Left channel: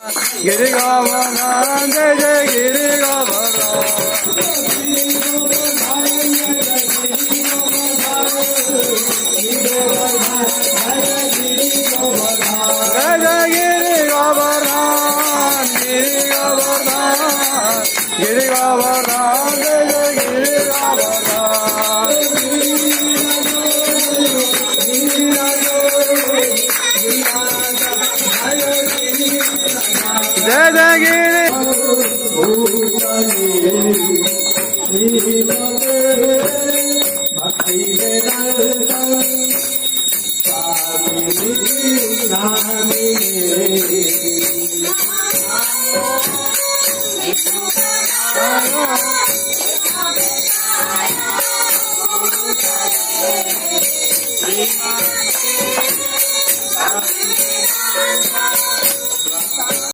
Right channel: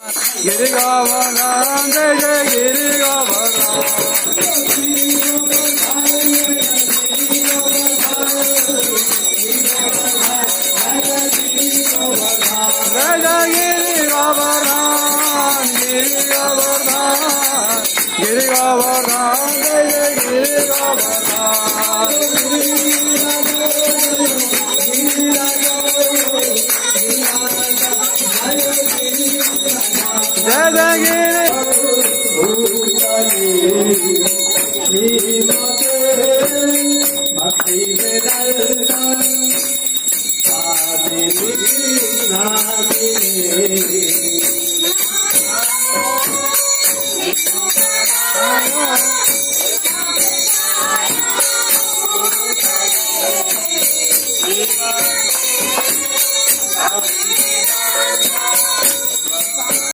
Giri Govardhan, Jai Jai Giri Govardhan. Jai Jai Giri Govardhan, Giri Govardhan, Giri Govardhan, Jai Jai Giri Govardhan. Jai Jai Giri. Hare